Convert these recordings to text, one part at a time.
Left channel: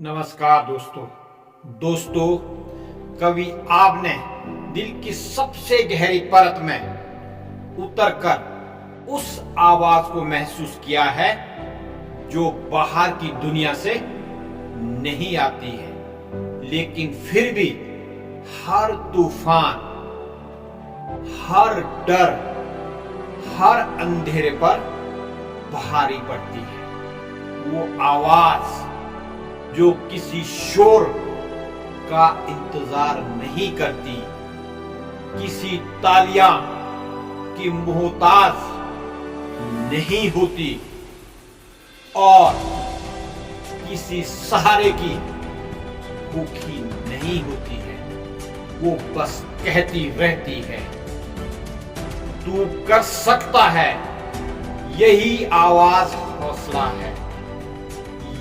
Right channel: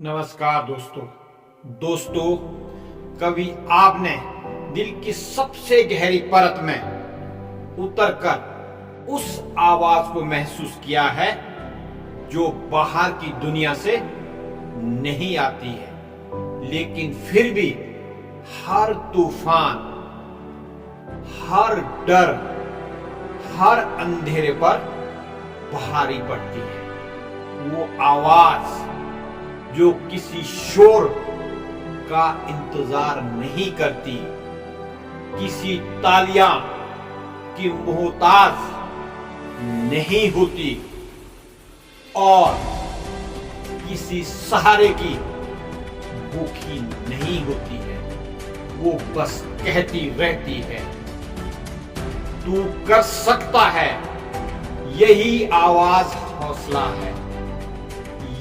नमस्कार दोस्तों कभी आपने दिल की सबसे गहरी परत में उतरकर उस आवाज को महसूस किया है जो बाहर की दुनिया से नहीं आती है, लेकिन फिर भी हर तूफान, हर डर, हर अंधेरे पर भारी पड़ती है। वो आवाज जो किसी शोर का इंतजार नहीं करती, किसी तालियां की मोहताज नहीं होती और किसी सहारे की भूखी नहीं होती है। वो बस कहती रहती है, तू कर सकता है। यही आवाज हौसला है।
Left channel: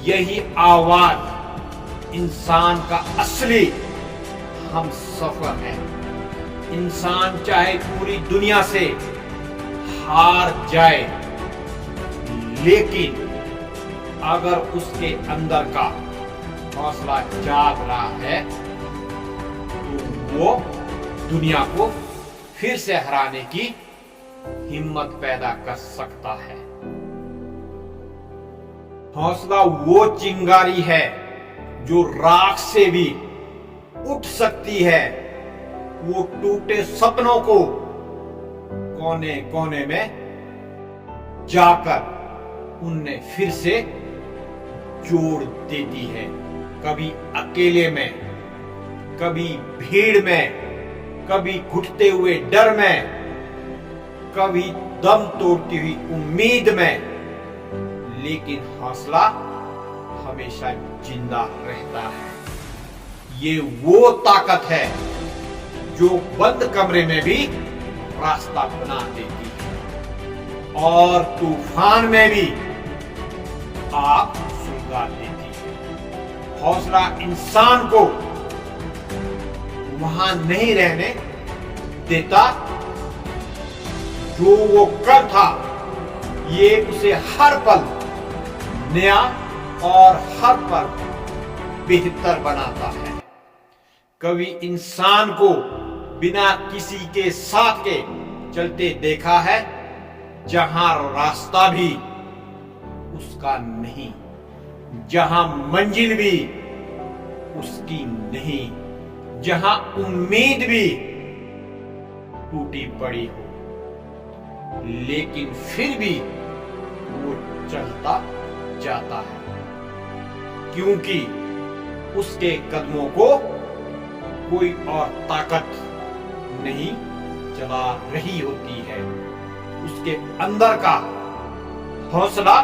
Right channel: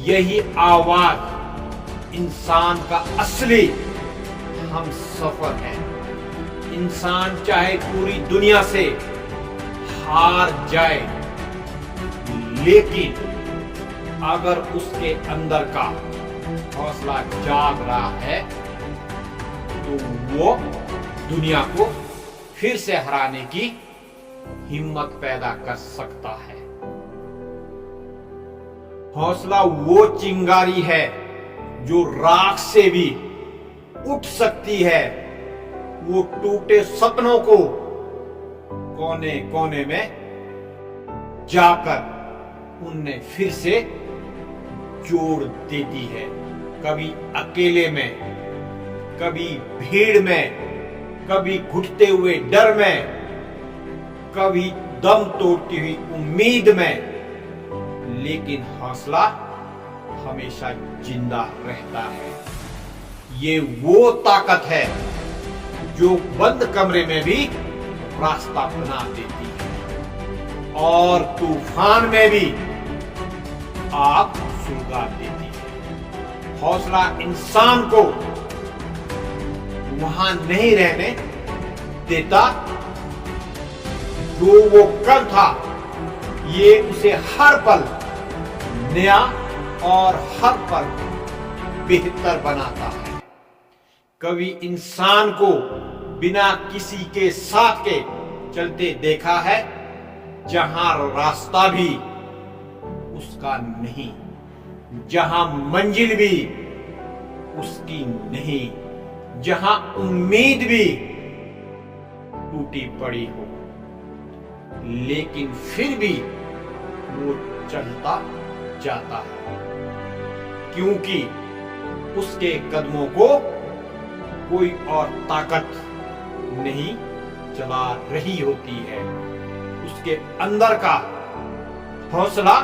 यही आवाज इंसान का असली हम सफर है। इंसान चाहे पूरी दुनिया से हार जाए, लेकिन अगर उसके अंदर का हौसला जाग रहा है तो वो दुनिया को फिर से हराने की हिम्मत पैदा कर सकता है। हौसला वो चिंगारी है जो राख से भी उठ सकती है। वो टूटे सपनों को कोने कोने में जाकर उन्हें फिर से जोड़ देती है। कभी अकेले में, कभी भीड़ में, कभी घुटते हुए डर में, कभी दम तोड़ती हुई उम्मीद में, लेकिन हौसला हमेशा जिंदा रहता है। ये वो ताकत है जो बंद कमरे में भी रास्ता बना देती है और तूफान में भी आग सुलगा देती है। हौसला इंसान को वहां नहीं रहने देता जो वो कल था। ये उसे हर पल नया और हर पल बेहतर बनाता है। कभी इंसान को बिना किसी के साथ के चलते देखा है, जहां रास्ता भी उसका नहीं, जहां मंजिल भी उसकी नहीं, जहां उम्मीद भी टूटी पड़ी हो, लेकिन फिर भी वो चलता जाता है, क्योंकि उसके कदमों को कोई और ताकत नहीं चला रही होती है। उसके अंदर का हौसला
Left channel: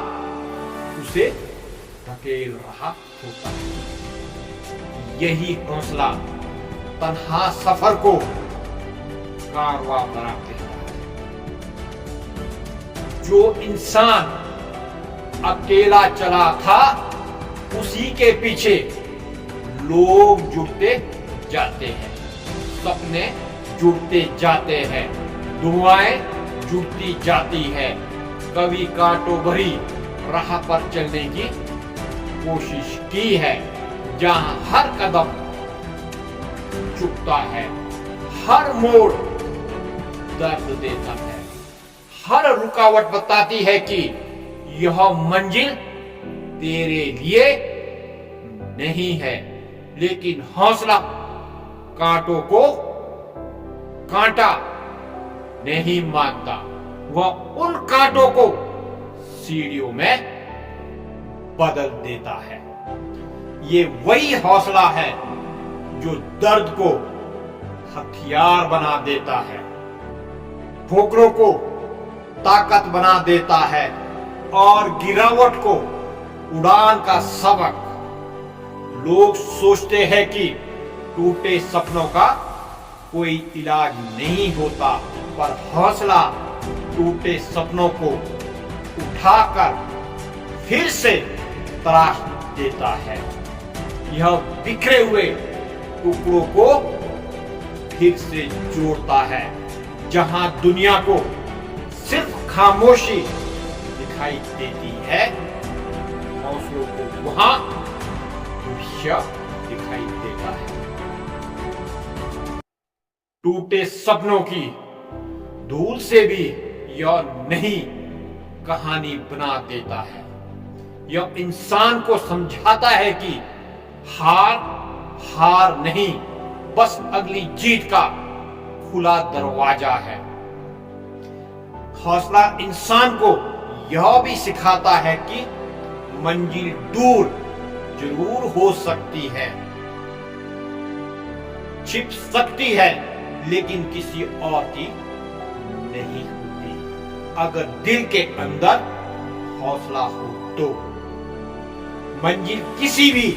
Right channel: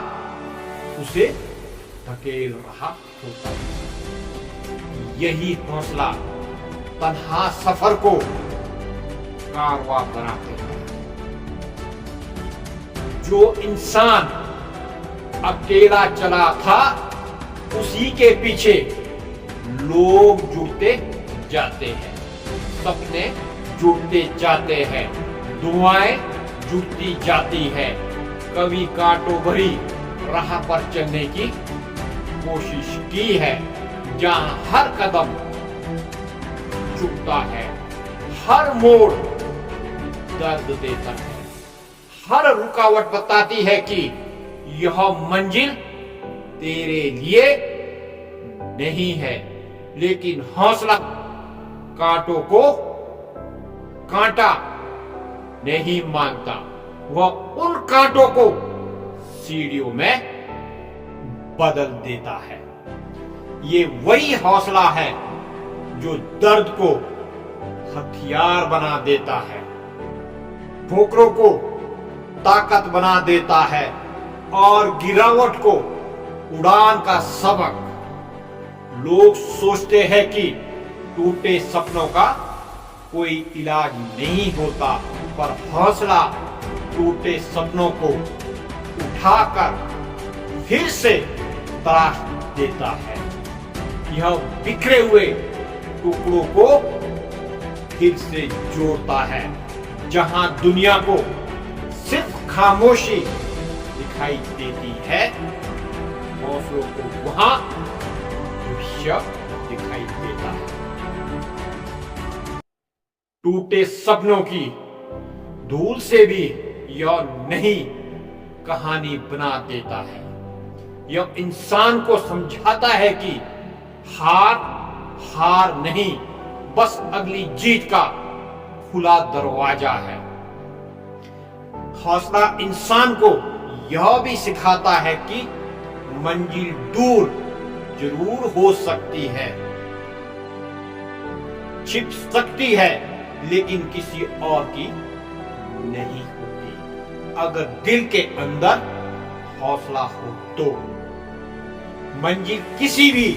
उसे धकेल रहा होता है। यही हौसला तन्हा सफर को कारवां बना देता है। जो इंसान अकेला चला था, उसी के पीछे लोग जुड़ते जाते हैं, सपने जुड़ते जाते हैं, दुआएं जुड़ती जाती है। कभी कांटों भरी राह पर चलने की कोशिश की है, जहां हर कदम झुकता है, हर मोड़ दर्द देता है, हर रुकावट बताती है कि यह मंजिल तेरे लिए नहीं है। लेकिन हौसला कांटों को कांटा नहीं मानता। वह उन कांटों को सीढ़ियों में बदल देता है। ये वही हौसला है जो दर्द को हथियार बना देता है, ठोकरों को ताकत बना देता है और गिरावट को उड़ान का सबक। लोग सोचते हैं कि टूटे सपनों का कोई इलाज नहीं होता, पर हौसला टूटे सपनों को उठाकर फिर से तराश देता है। यह बिखरे हुए टुकड़ों को फिर से जोड़ता है। जहां दुनिया को सिर्फ खामोशी दिखाई देती है, हौसलों को वहां भविष्य दिखाई देता है। टूटे सपनों की धूल से भी यह नई कहानी बना देता है। यह इंसान को समझाता है कि हार हार नहीं, बस अगली जीत का खुला दरवाजा है। हौसला इंसान को यह भी सिखाता है कि मंजिल दूर जरूर हो सकती है, छिप सकती है, लेकिन किसी और की नहीं होती। अगर दिल के अंदर हौसला हो तो मंजिल किसी भी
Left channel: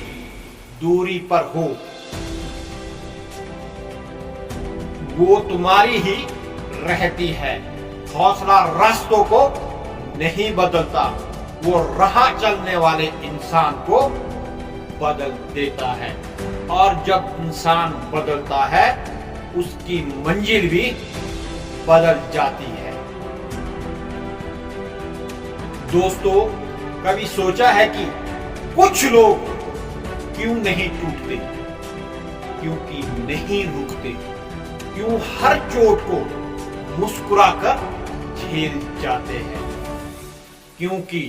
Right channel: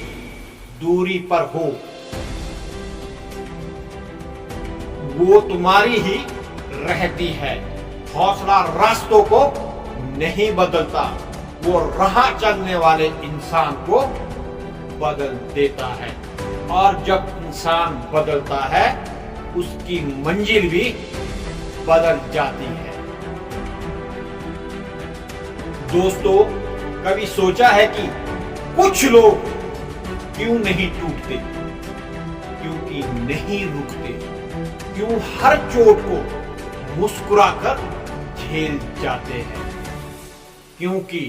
दूरी पर हो, वो तुम्हारी ही रहती है। हौसला रास्तों को नहीं बदलता, वो राह चलने वाले इंसान को बदल देता है। और जब इंसान बदलता है, उसकी मंजिल भी बदल जाती है। दोस्तों, कभी सोचा है कि कुछ लोग क्यों नहीं टूटते? क्योंकि नहीं रुकते। क्यों हर चोट को मुस्कुराकर झेल जाते हैं? क्योंकि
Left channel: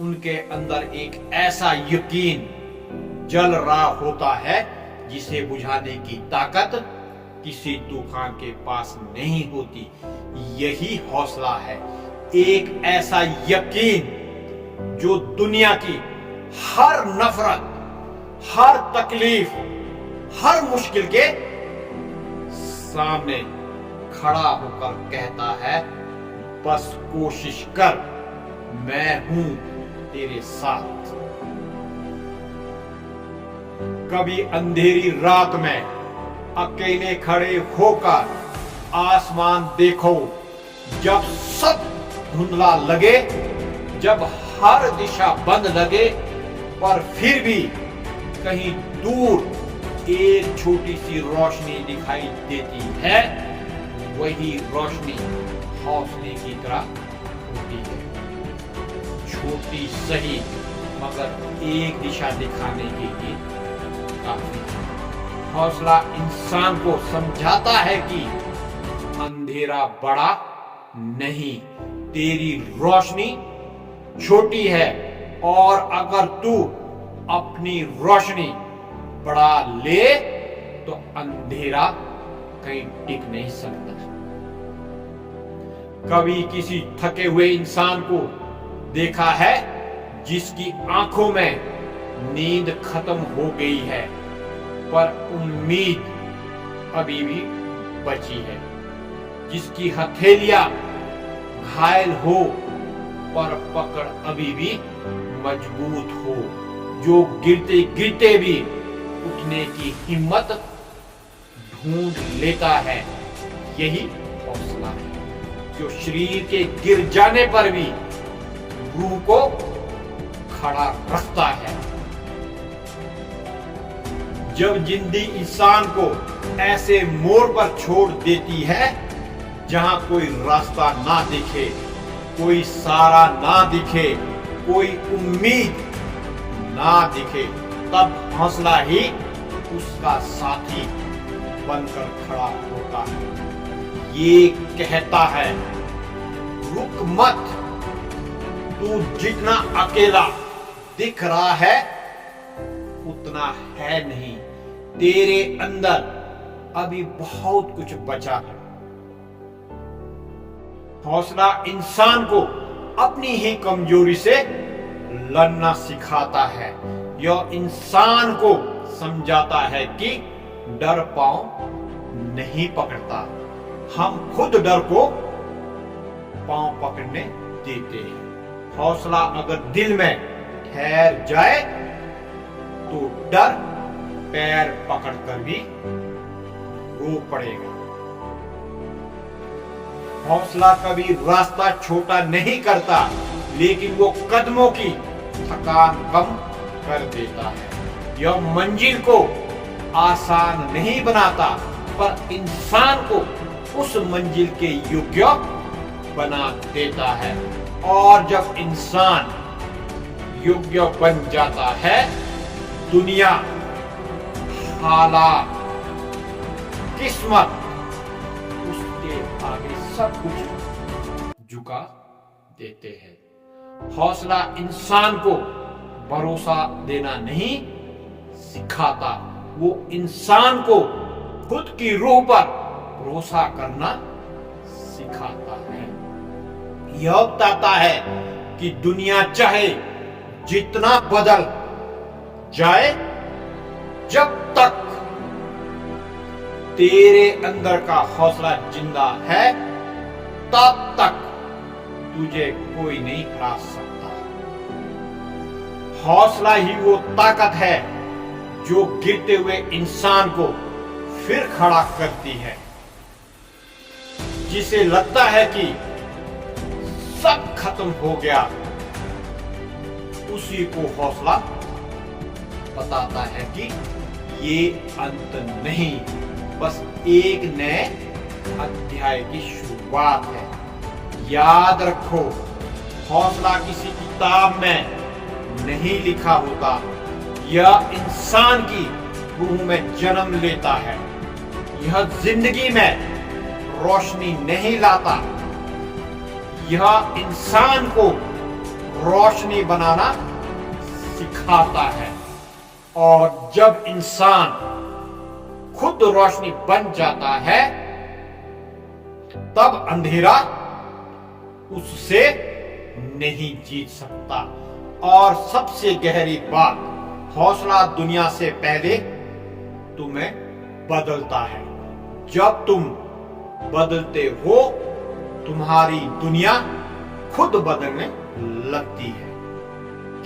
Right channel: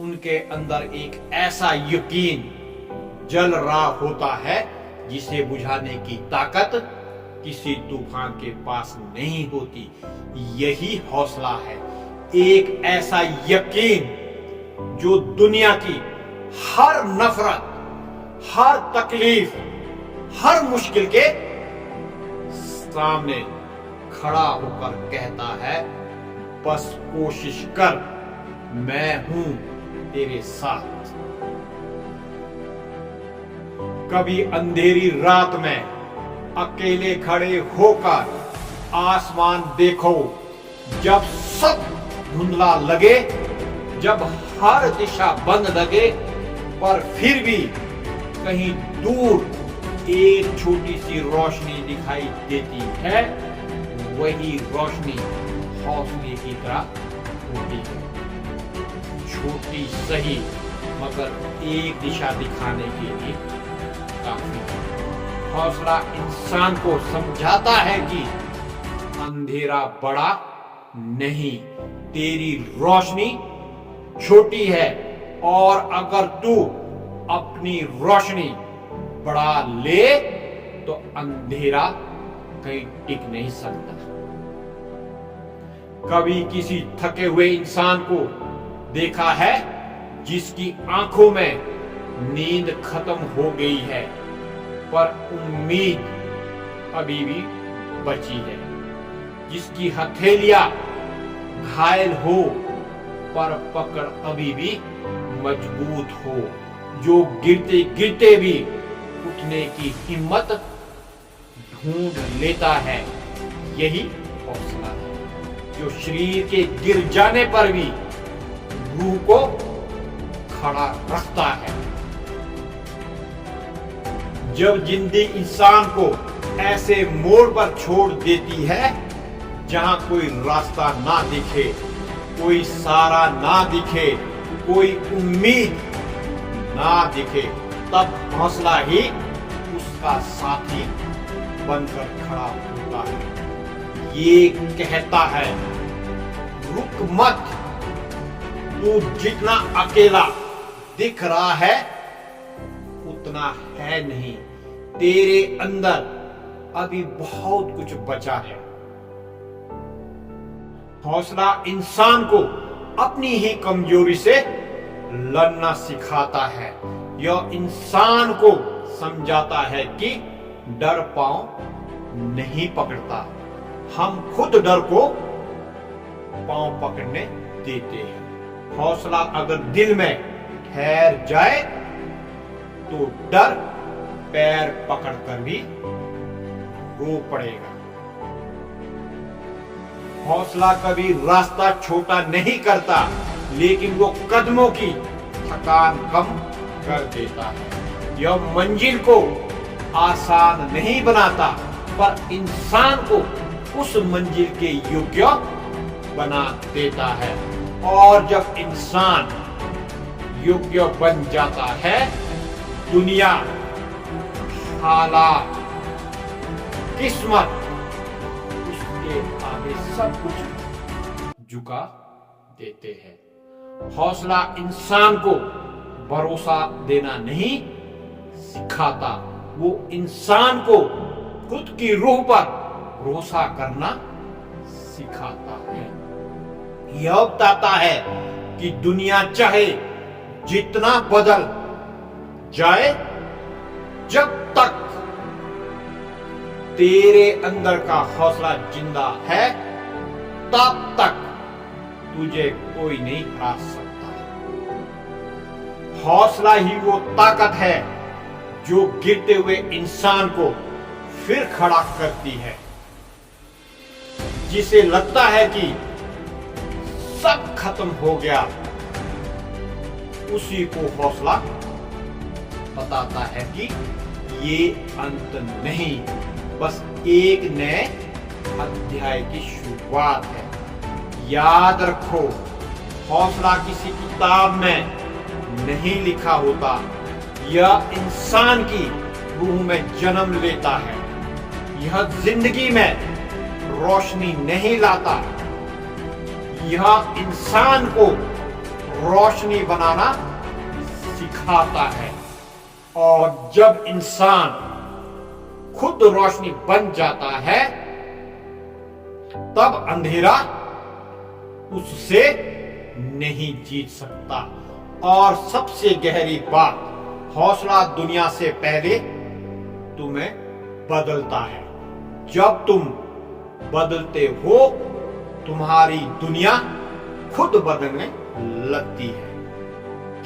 उनके अंदर एक ऐसा यकीन जल रहा होता है जिसे बुझाने की ताकत किसी तूफान के पास नहीं होती। यही हौसला है, एक ऐसा यकीन जो दुनिया की हर नफरत, हर तकलीफ, हर मुश्किल के सामने खड़ा होकर कहता है, बस कोशिश कर, मैं हूं तेरे साथ। कभी अंधेरी रात में अकेले खड़े होकर आसमान देखो, जब सब धुंधला लगे, जब हर दिशा बंद लगे, पर फिर भी कहीं दूर एक छोटी सी रोशनी दिखाई देती है। वही रोशनी हौसले की तरह होती है, छोटी सही, मगर एक दिशा दिखाने के लिए काफी है। हौसला इंसान को समझाता है कि अंधेरा बड़ा नहीं, तेरी रोशनी छोटी है, और अगर तू अपनी रोशनी बढ़ा ले तो अंधेरा कहीं टिक नहीं सकता। कभी किसी थके हुए इंसान को देखा है जिसकी आंखों में नींद खत्म हो गई है, पर उम्मीद अभी भी बची है, जिसकी हथेलियां घायल हो पर पकड़ अभी भी मजबूत हो, जो गिरते गिरते भी उठने की हिम्मत ढूंढ लेता है। यही हौसला है, जो शरीर के गिर जाने पर भी रूह को खड़ा रखता है। जब जिंदगी इंसान को ऐसे मोड़ पर छोड़ देती है जहां कोई रास्ता ना दिखे, कोई सहारा ना दिखे, कोई उम्मीद ना दिखे, तब हौसला ही उसका साथी बनकर खड़ा होता है। ये कहता है, रुक मत, तू जितना अकेला दिख रहा है उतना है नहीं, तेरे अंदर अभी बहुत कुछ बचा है। हौसला इंसान को अपनी ही कमजोरी से लड़ना सिखाता है। यह इंसान को समझाता है कि डर पांव नहीं पकड़ता, हम खुद डर को पांव पकड़ने देते हैं। हौसला अगर दिल में ठहर जाए तो डर पैर पकड़कर भी रो पड़ेगा। हौसला कभी रास्ता छोटा नहीं करता, लेकिन वो कदमों की थकान कम कर देता है। यह मंजिल को आसान नहीं बनाता, पर इंसान को उस मंजिल के योग्य बना देता है। और जब इंसान योग्य बन जाता है, दुनिया हालात, किस्मत, उसके आगे सब कुछ झुका देते हैं। हौसला इंसान को भरोसा देना नहीं सिखाता, वो इंसान को खुद की रूह पर भरोसा करना सिखाता है। यह बताता है कि दुनिया चाहे जितना बदल जाए, जब तक तेरे अंदर का हौसला जिंदा है, तब तक तुझे कोई नहीं हरा सकता। हौसला ही वो ताकत है जो गिरते हुए इंसान को फिर खड़ा करती है। जिसे लगता है कि सब खत्म हो गया, उसी को हौसला बताता है कि ये अंत नहीं, बस एक नए अध्याय की शुरुआत है। याद रखो, हौसला किसी किताब में नहीं लिखा होता, यह इंसान की रूह में जन्म लेता है। यह जिंदगी में रोशनी नहीं लाता, यह इंसान को रोशनी बनाना सिखाता है। और जब इंसान खुद रोशनी बन जाता है, तब अंधेरा उससे नहीं जीत सकता। और सबसे गहरी बात, हौसला दुनिया से पहले तुम्हें बदलता है। जब तुम बदलते हो, तुम्हारी दुनिया खुद बदलने लगती है,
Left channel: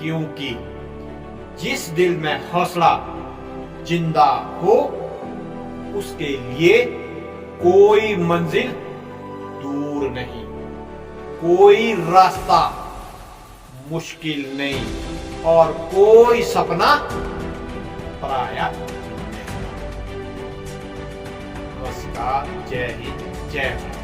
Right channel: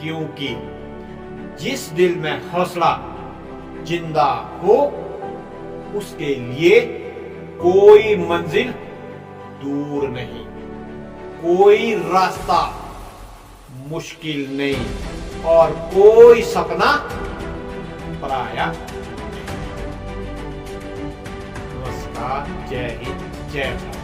क्योंकि जिस दिल में हौसला जिंदा हो, उसके लिए कोई मंजिल दूर नहीं, कोई रास्ता मुश्किल नहीं, और कोई सपना पराया नहीं। नमस्कार, जय हिंद, जय भारत।